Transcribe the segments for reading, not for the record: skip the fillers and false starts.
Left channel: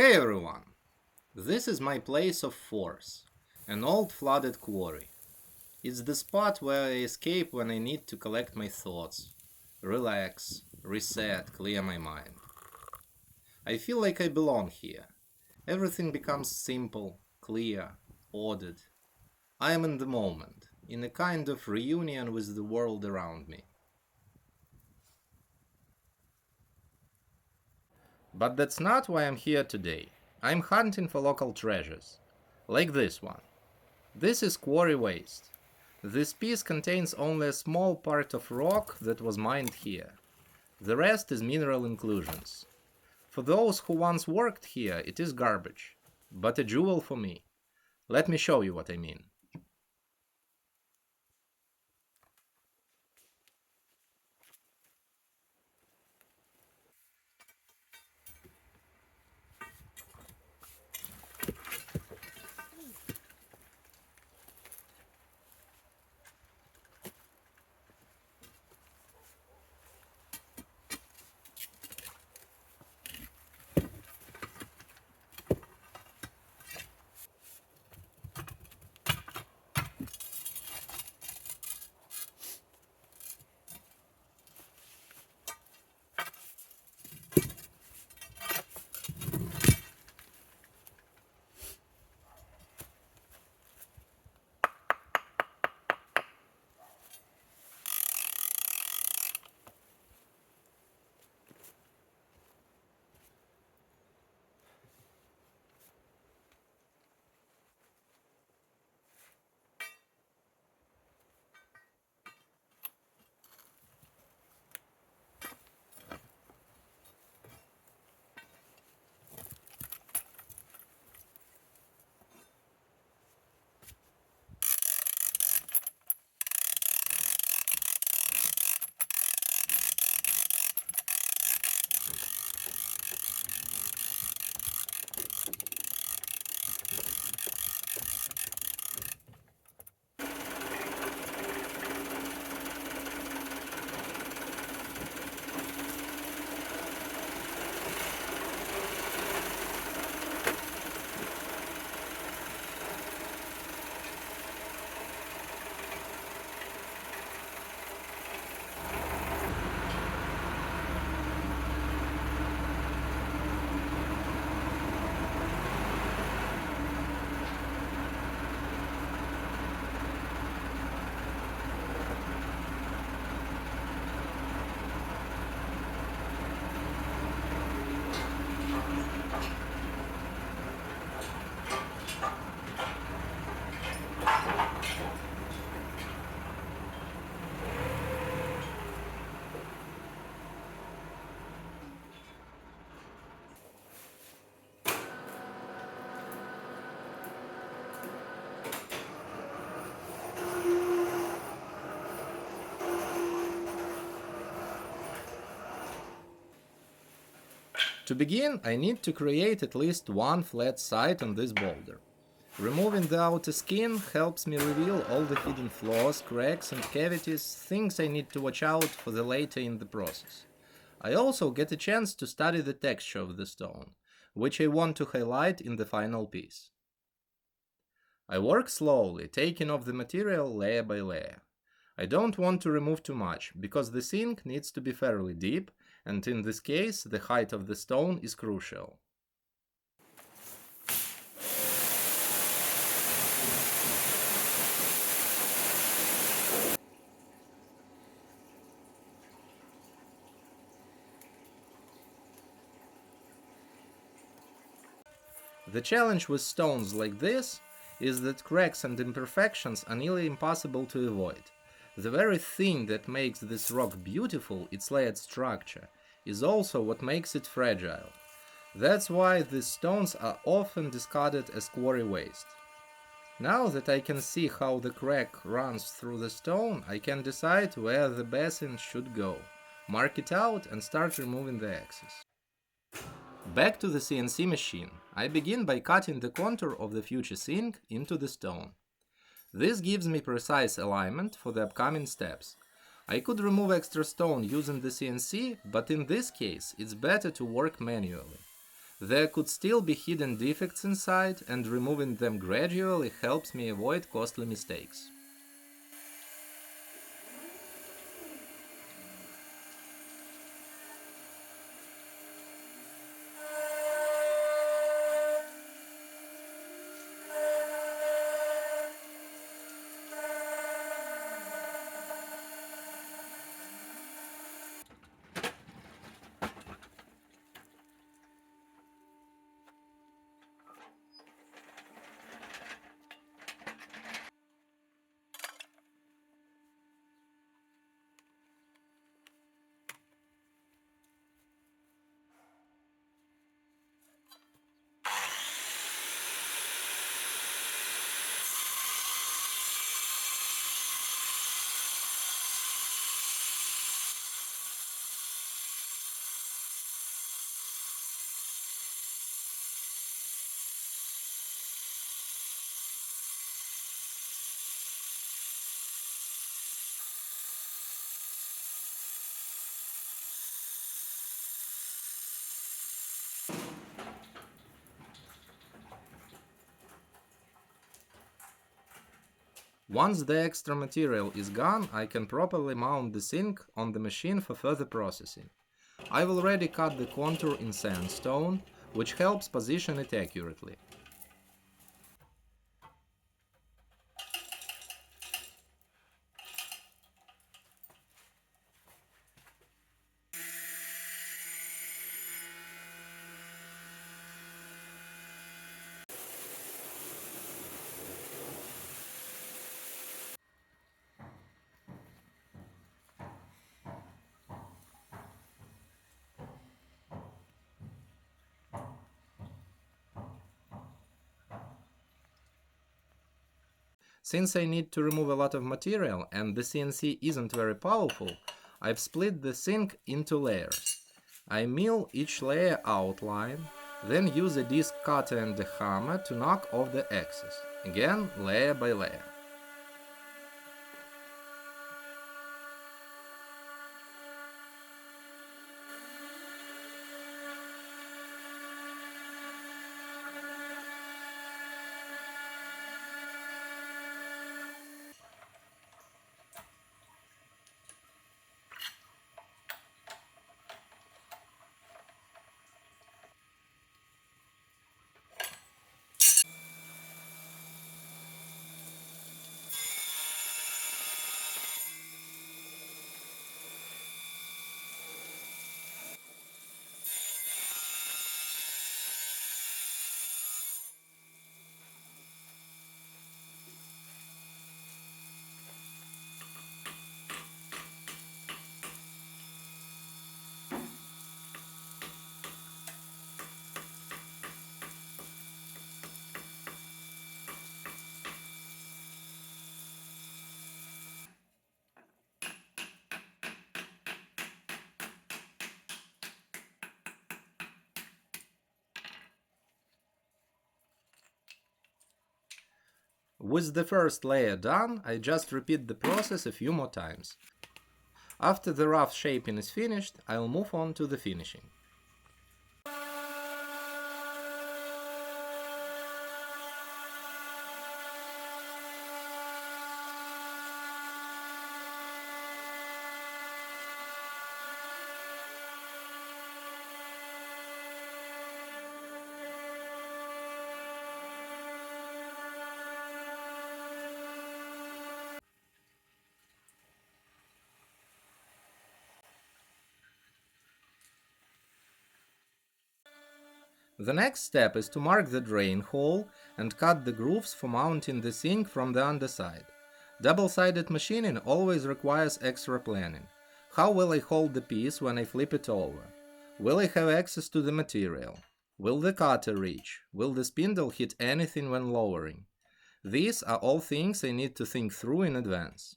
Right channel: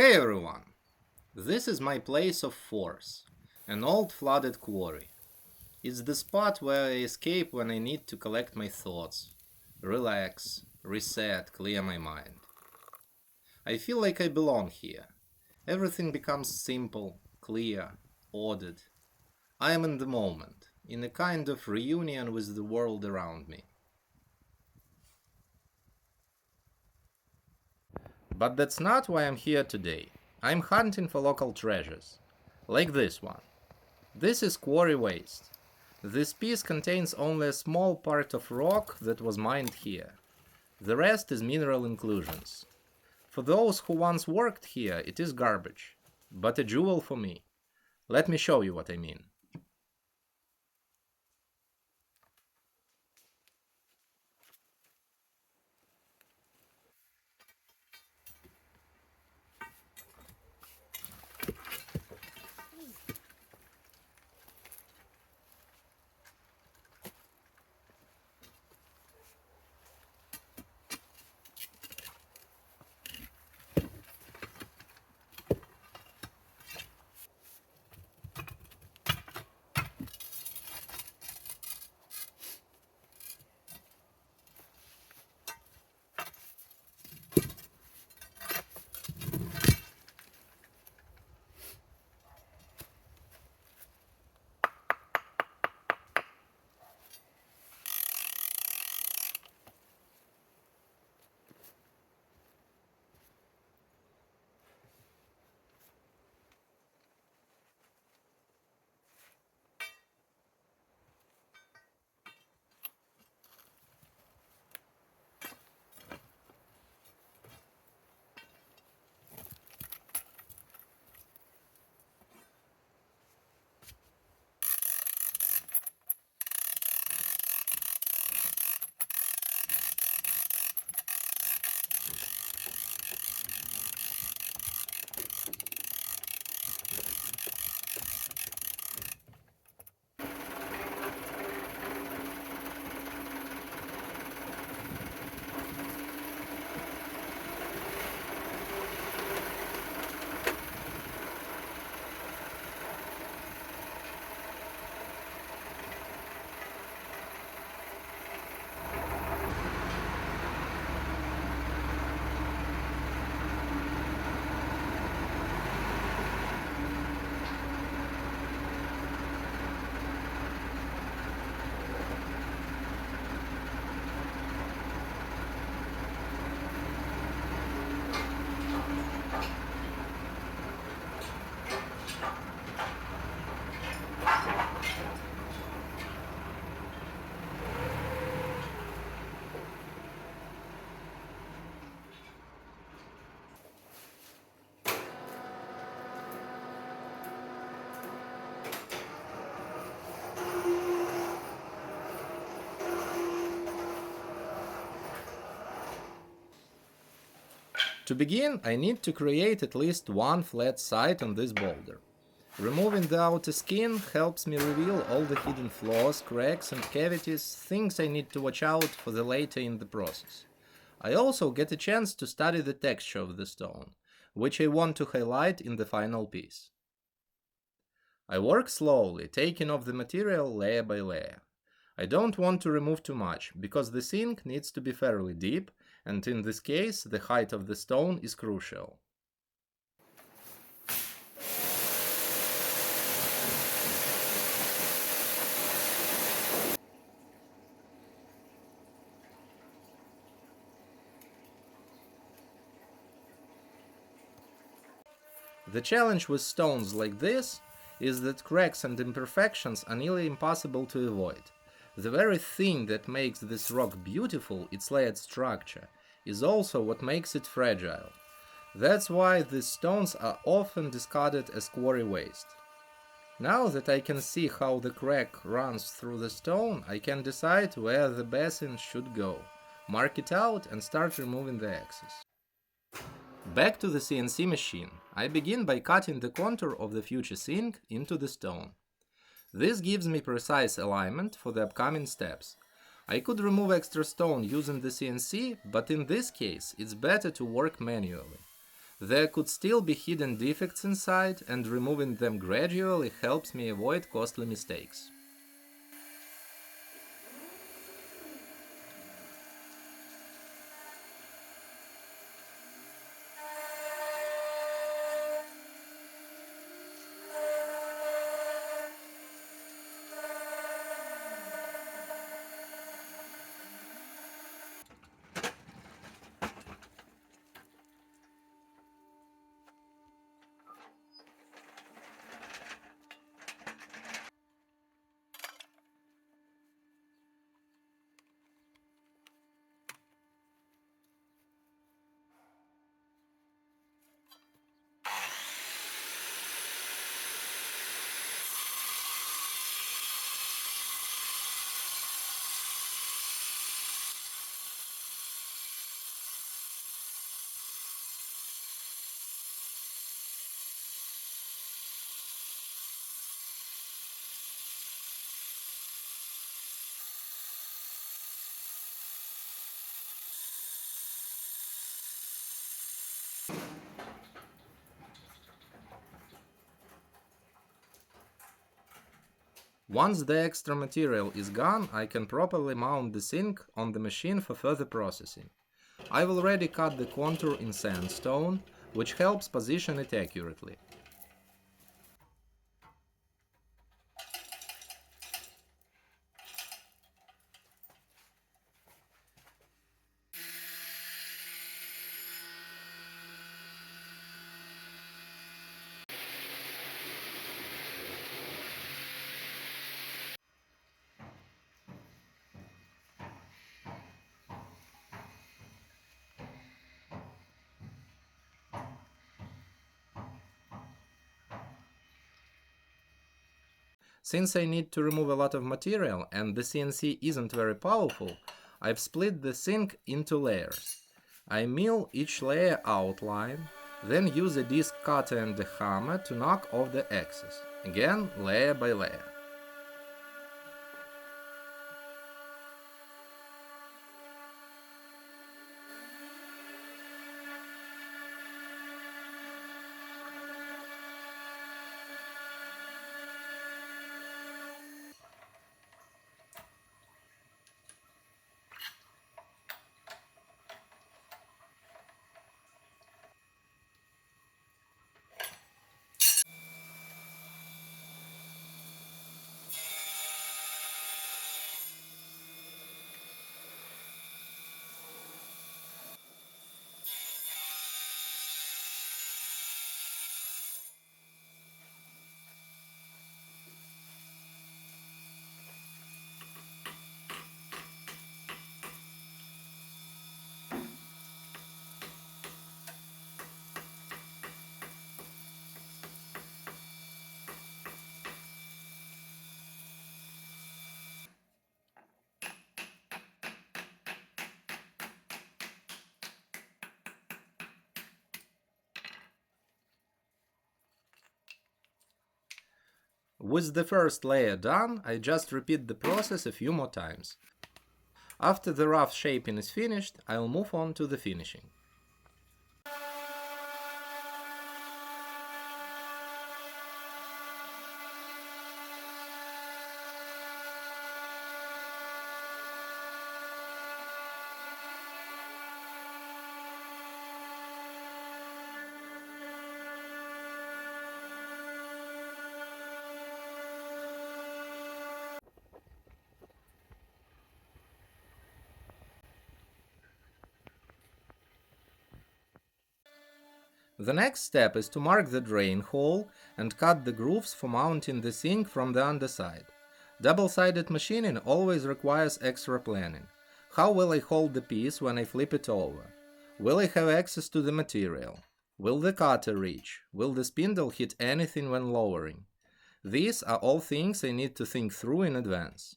Hey everyone! This is my place of force, an old flooded quarry. It's the spot where I escape when I need to collect my thoughts, relax, reset, clear my mind. I feel like I belong here. Everything becomes simple, clear, ordered. I am in the moment, in a kind of reunion with the world around me. But that's not why I'm here today. I'm hunting for local treasures, like this one. This is quarry waste. This piece contains only a small part of rock that was mined here. The rest is mineral inclusions. For those who once worked here, it is garbage, but a jewel for me. Let me show you what I mean. To begin, I need to create at least one flat side on this boulder. Removing the outer skin helps me reveal all the hidden flaws, cracks and cavities, things I need to watch out for later in the process. I also get a chance to study the texture of the stone, which I want to highlight in the final piece. I work slowly, taking off the material layer by layer. I don't want to remove too much, because the sink needs to be fairly deep, and in this case the height of the stone is crucial. The challenge with stones like this is that cracks and imperfections are nearly impossible to avoid. The very thing that makes this rock beautiful, its layered structure, is also what makes it fragile. That's why these stones are often discarded as quarry waste. Now that I can see how the crack runs through the stone, I can decide where the basin should go, mark it out and start removing the excess. Back to the CNC machine, I begin by cutting the contour of the future sink into the stone. This gives me precise alignment for the upcoming steps. I could remove extra stone using the CNC, but in this case it's better to work manually. There could still be hidden defects inside, and removing them gradually helps me avoid costly mistakes. Once the extra material is gone, I can properly mount the sink on the machine for further processing. I've already cut the contour in sandstone, which helps position it accurately. Since I need to remove a lot of material and the CNC isn't very powerful, I've split the sink into layers. I mill each layer outline, then use a disc cutter and a hammer to knock off the excess, again layer by layer. With the first layer done, I just repeat the process a few more times. After the rough shaping is finished, I'll move on to the finishing. The next step is to mark the drain hole and cut the grooves for mounting the sink from the underside. Double-sided machining always requires extra planning. How will I hold the piece when I flip it over? Will I have access to the material? Will the cutter reach? Will the spindle hit anything when lowering? These are all things I need to think through in advance.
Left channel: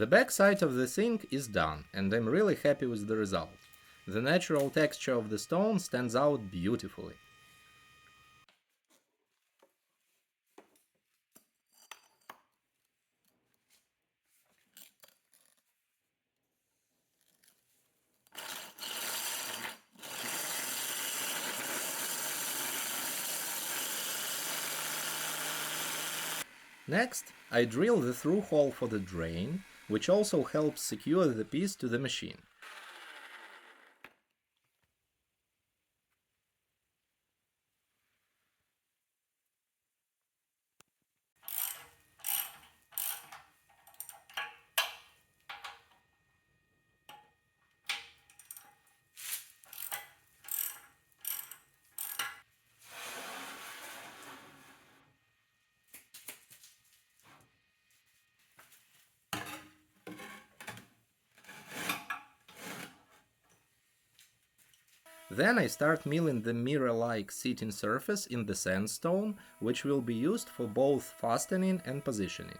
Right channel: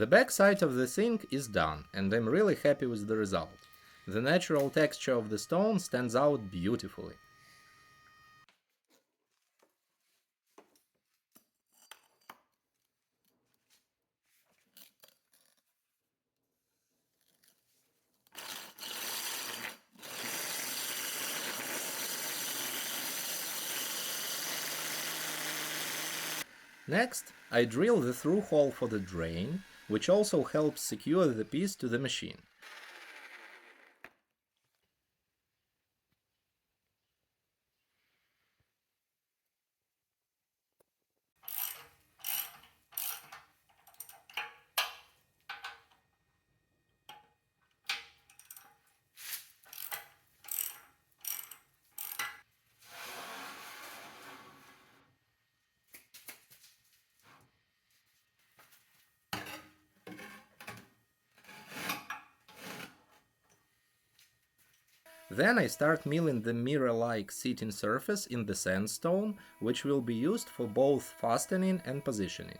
The back side of the sink is done, and I'm really happy with the result. The natural texture of the stone stands out beautifully. Next, I drill the through hole for the drain, which also helps secure the piece to the machine. Then I start milling the mirror-like seating surface in the sandstone, which will be used for both fastening and positioning.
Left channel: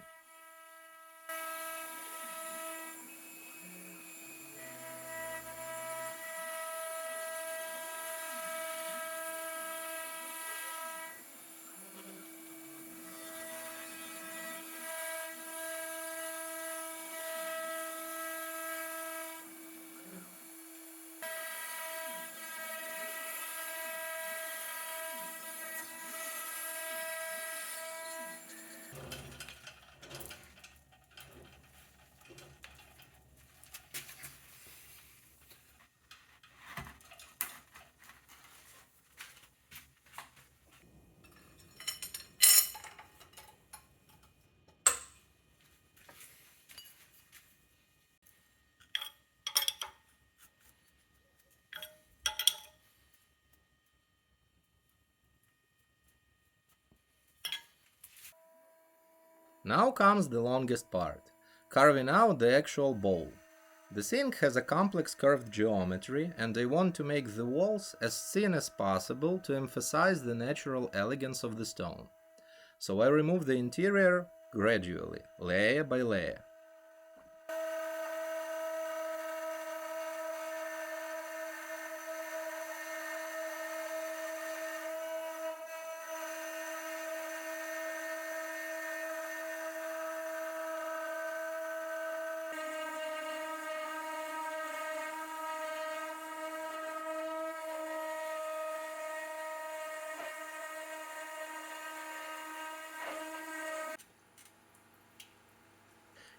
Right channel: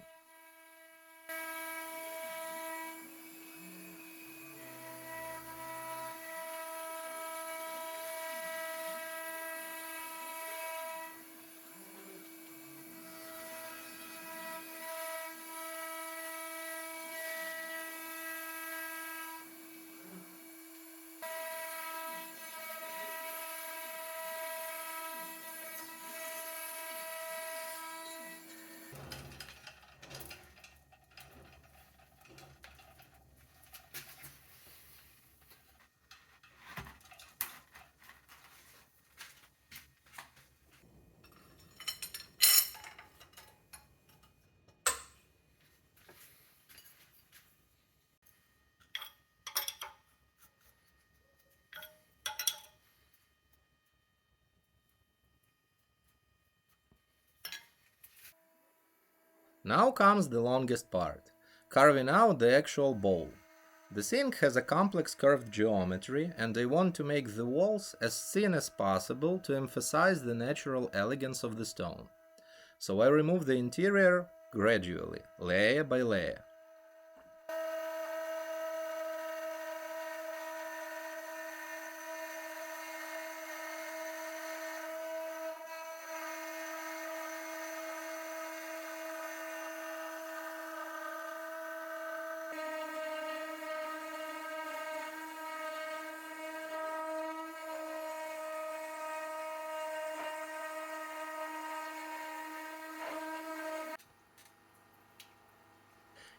Now comes the longest part, carving out the actual bowl. The sink has a complex curved geometry, and I want to make the walls as thin as possible to emphasize the natural elegance of the stone. So I remove the interior gradually, layer by layer.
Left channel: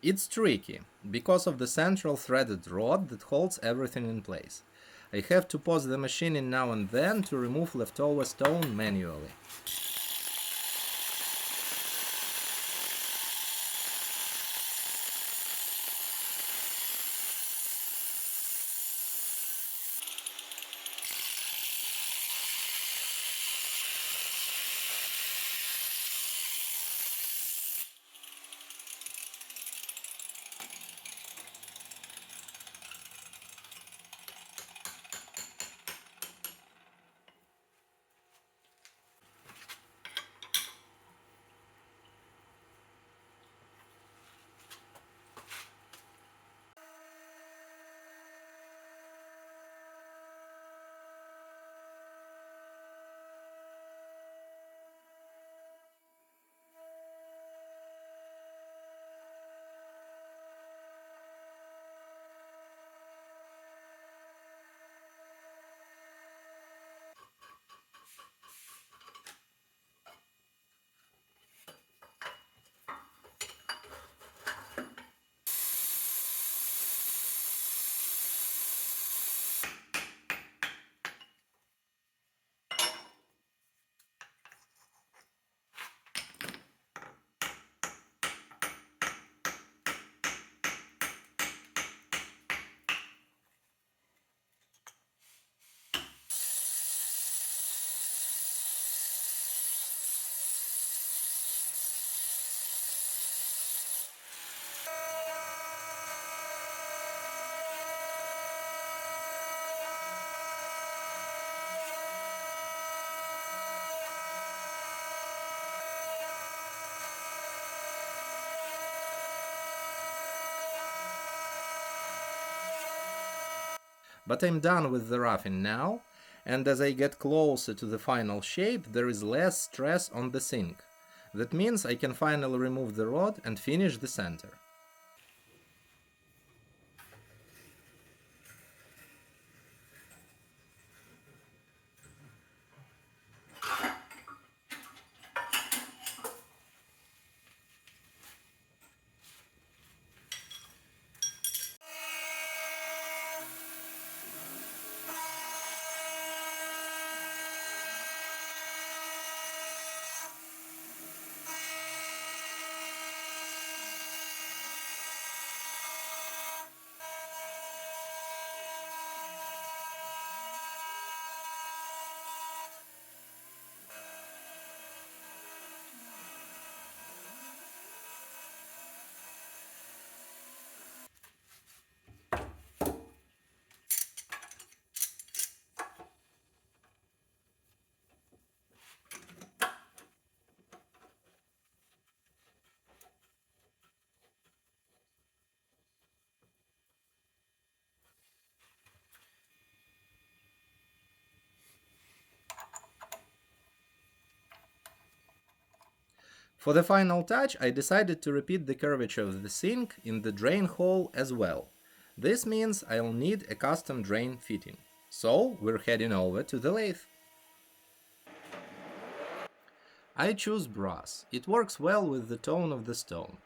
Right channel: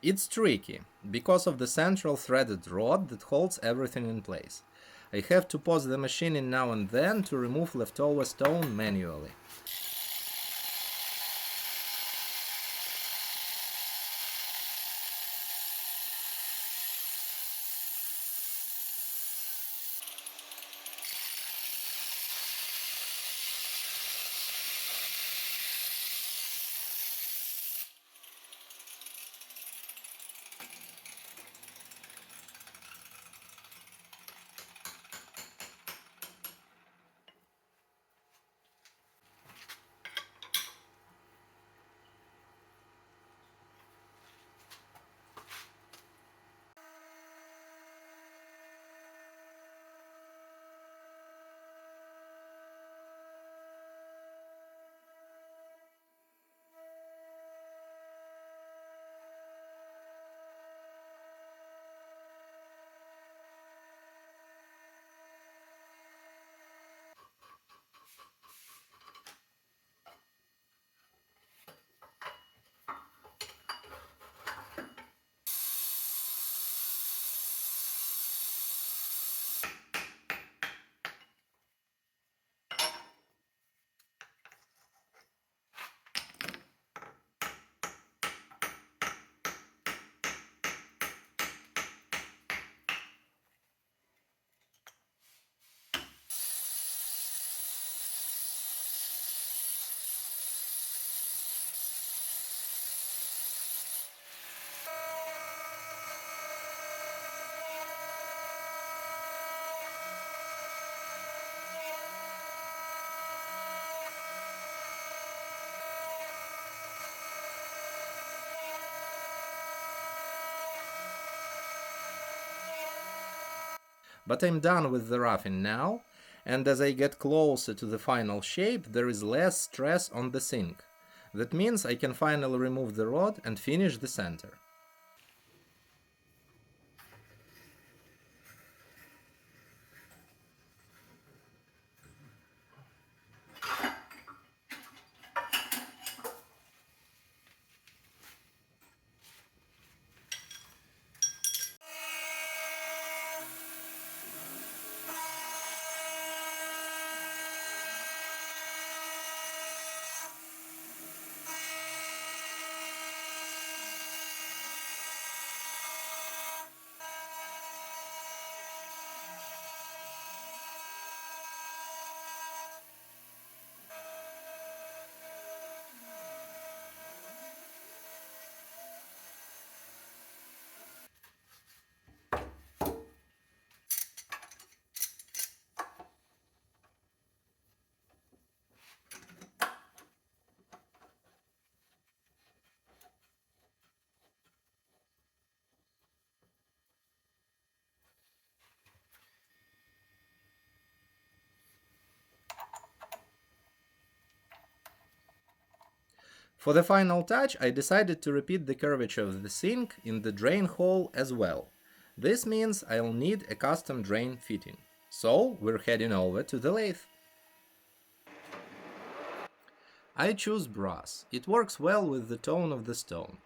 It's tricky, because of the central threaded rod that holds everything in place. I have to pause the machining now and then to remove leftover stone manually. But I'm done with the roughing now, and as I get closer to the final shape, there is less stress on the sink. That means I can finally remove the rod and finish the center. For the final touch, I decided to repeat the curvature of the sink in the drain hole as well. This means I'll need a custom drain fitting. So we're heading over to the lathe. I choose brass. It works well with the tone of the stone.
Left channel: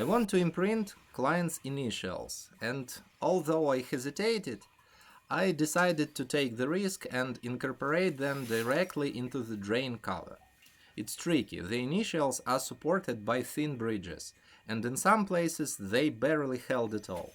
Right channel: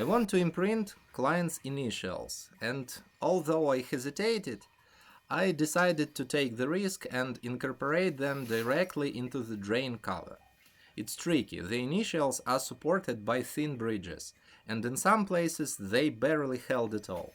I want to imprint client's initials, and although I hesitated, I decided to take the risk and incorporate them directly into the drain cover. It's tricky, the initials are supported by thin bridges, and in some places they barely held at all.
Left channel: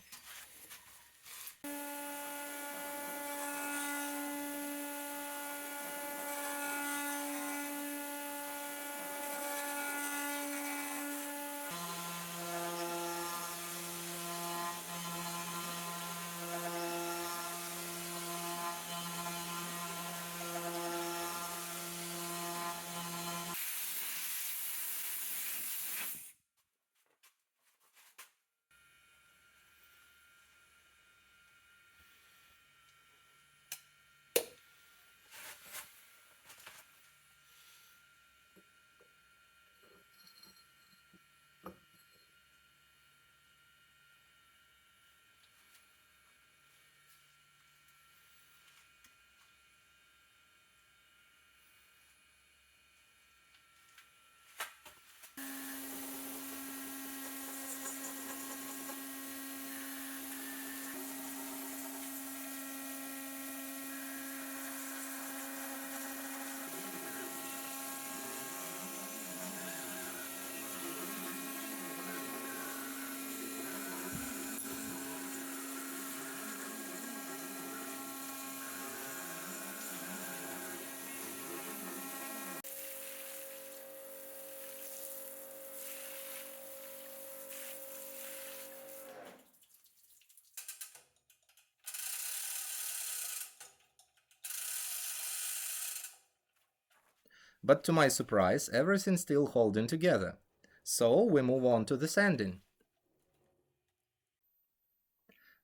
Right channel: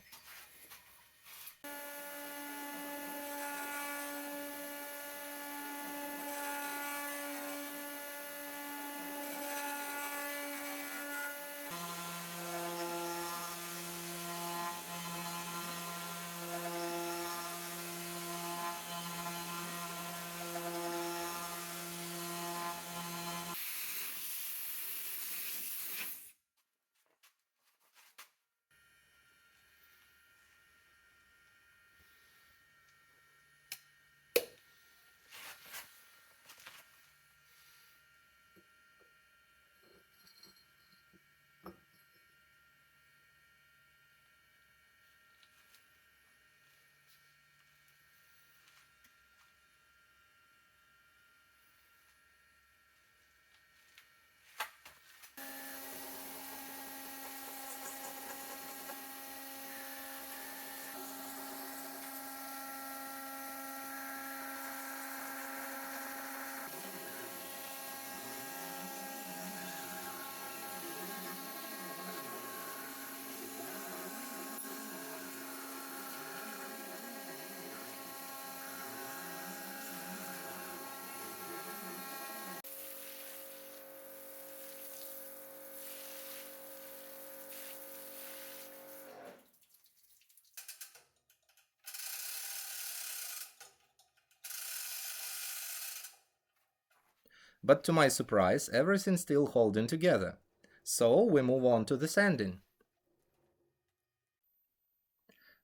But to my surprise, everything's still holding together. So we move on to the sanding.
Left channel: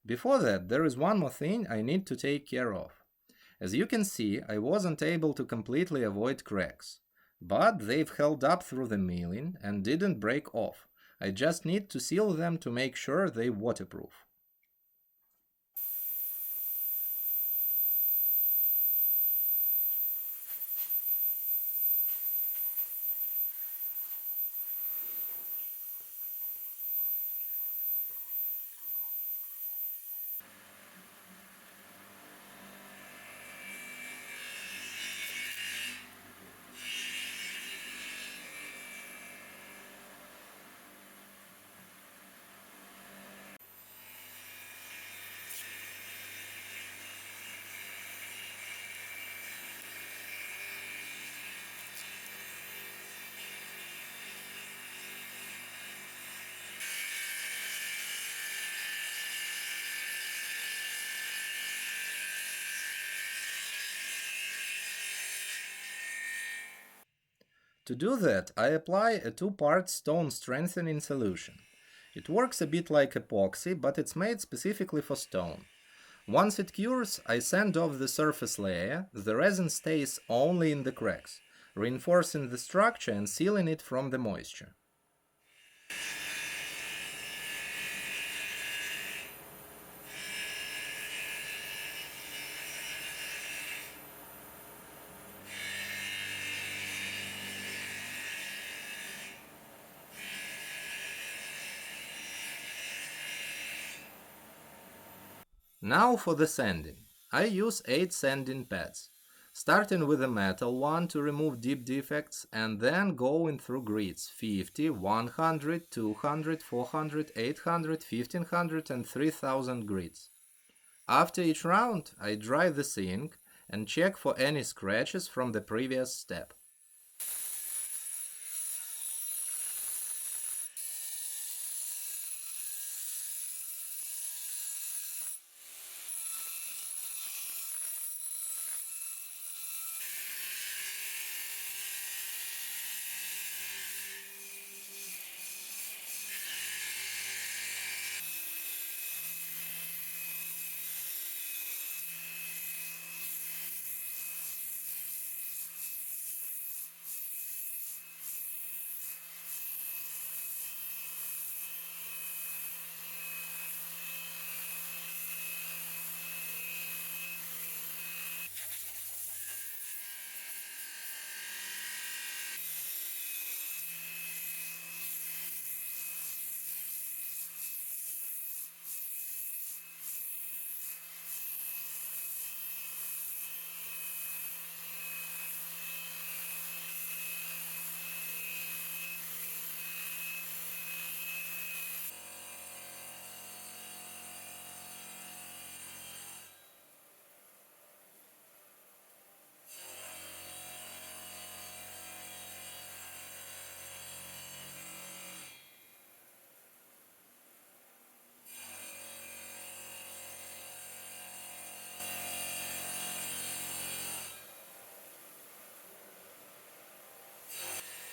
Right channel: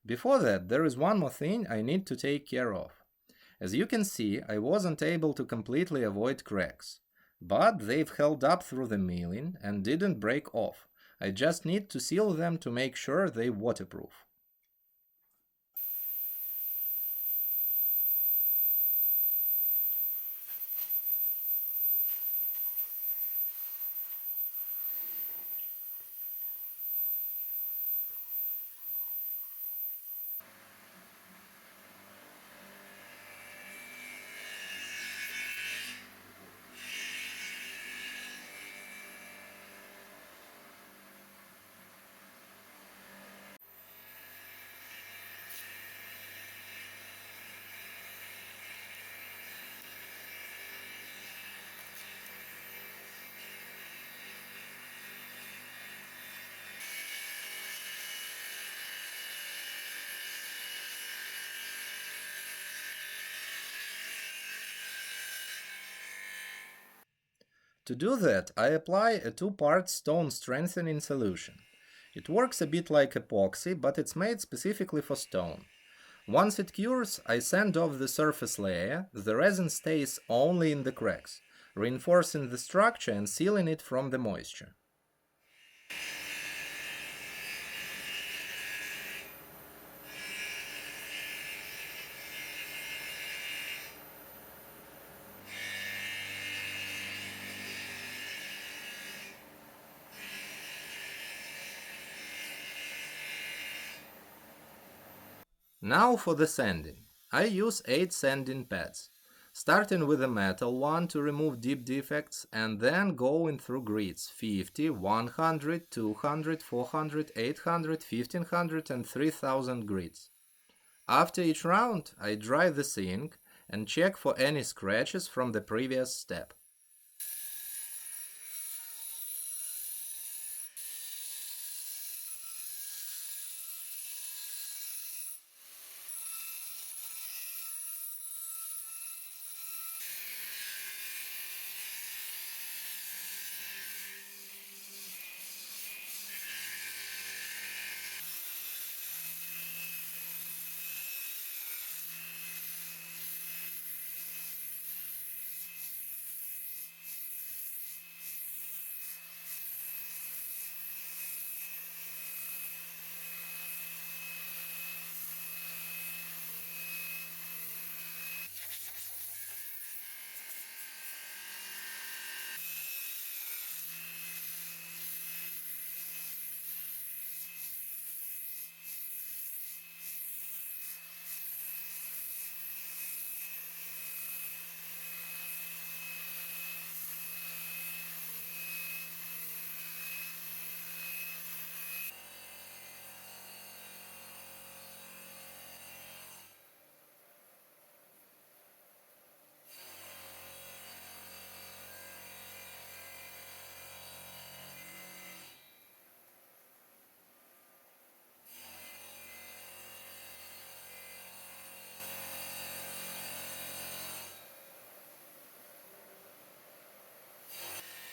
Before that, there is one more thing I need to take care of. As you can see, I wasn't able to completely avoid cracks, but they've held up through the milling and didn't break off. I just need to seal them to make sure they're waterproof. To do that, I apply a two-part stone strengthening solution. It works a bit like epoxy, but it's made specifically for stone. Once it cures, I sand off the surface layer. The resin stays only in the cracks, reinforcing the structure and sealing it from the moisture. Now for the sanding. I use 8 sanding pads, starting with a metal one to remove deep defects and then going through grits 50, 100, 200, 400, 800, 1500 and 3000 grits. After each round, I dry the zinc and check for any scratches from the previous step.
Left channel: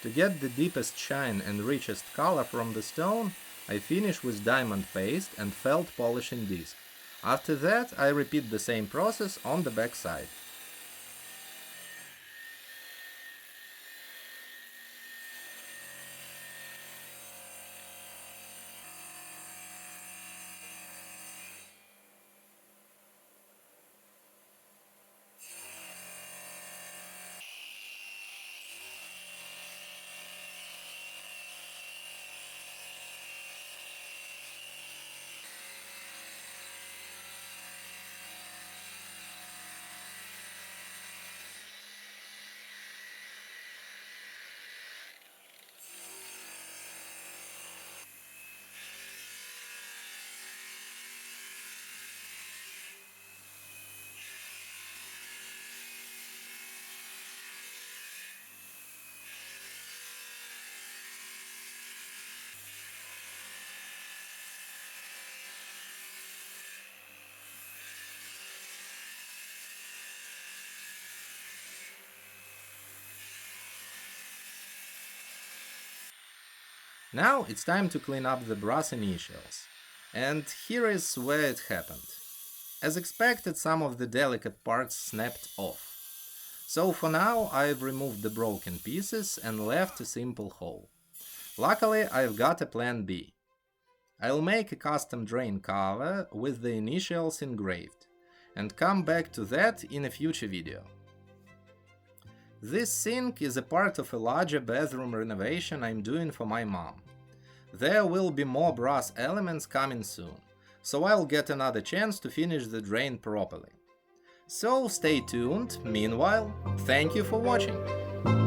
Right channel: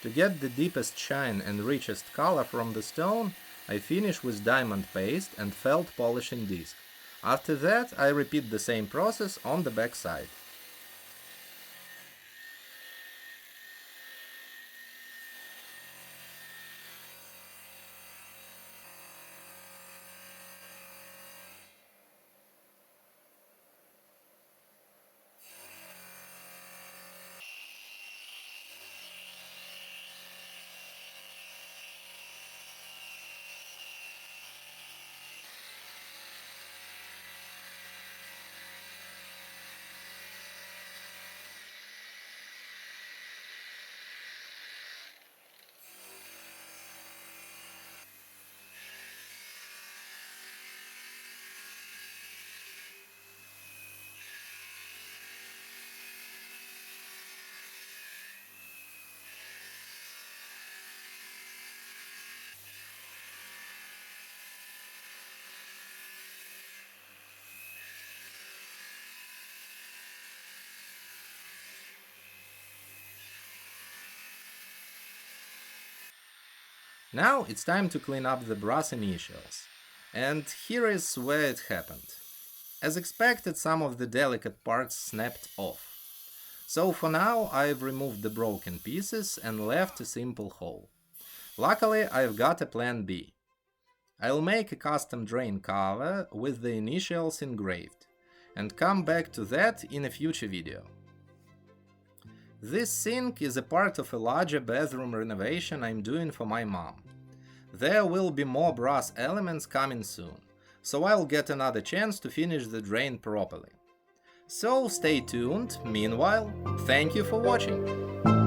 To get the deepest shine and richest color from the stone, I finish with diamond paste and felt polishing disc. After that, I repeat the same process on the back side. Now it's time to clean up the brass initials. And here is where it happened. As expected, some of the delicate parts snapped off. So for now I've removed the broken pieces and left a simple hole. Luckily I've got a plan B. I'll make a custom drain cover with the initials engraved, and come back to that in a future video. This sink is a part of a larger bathroom renovation I'm doing for my mom. There will be more brass elements coming soon, so I'll get another chance to finish the drain properly. So stay tuned. Meanwhile, thank you for watching.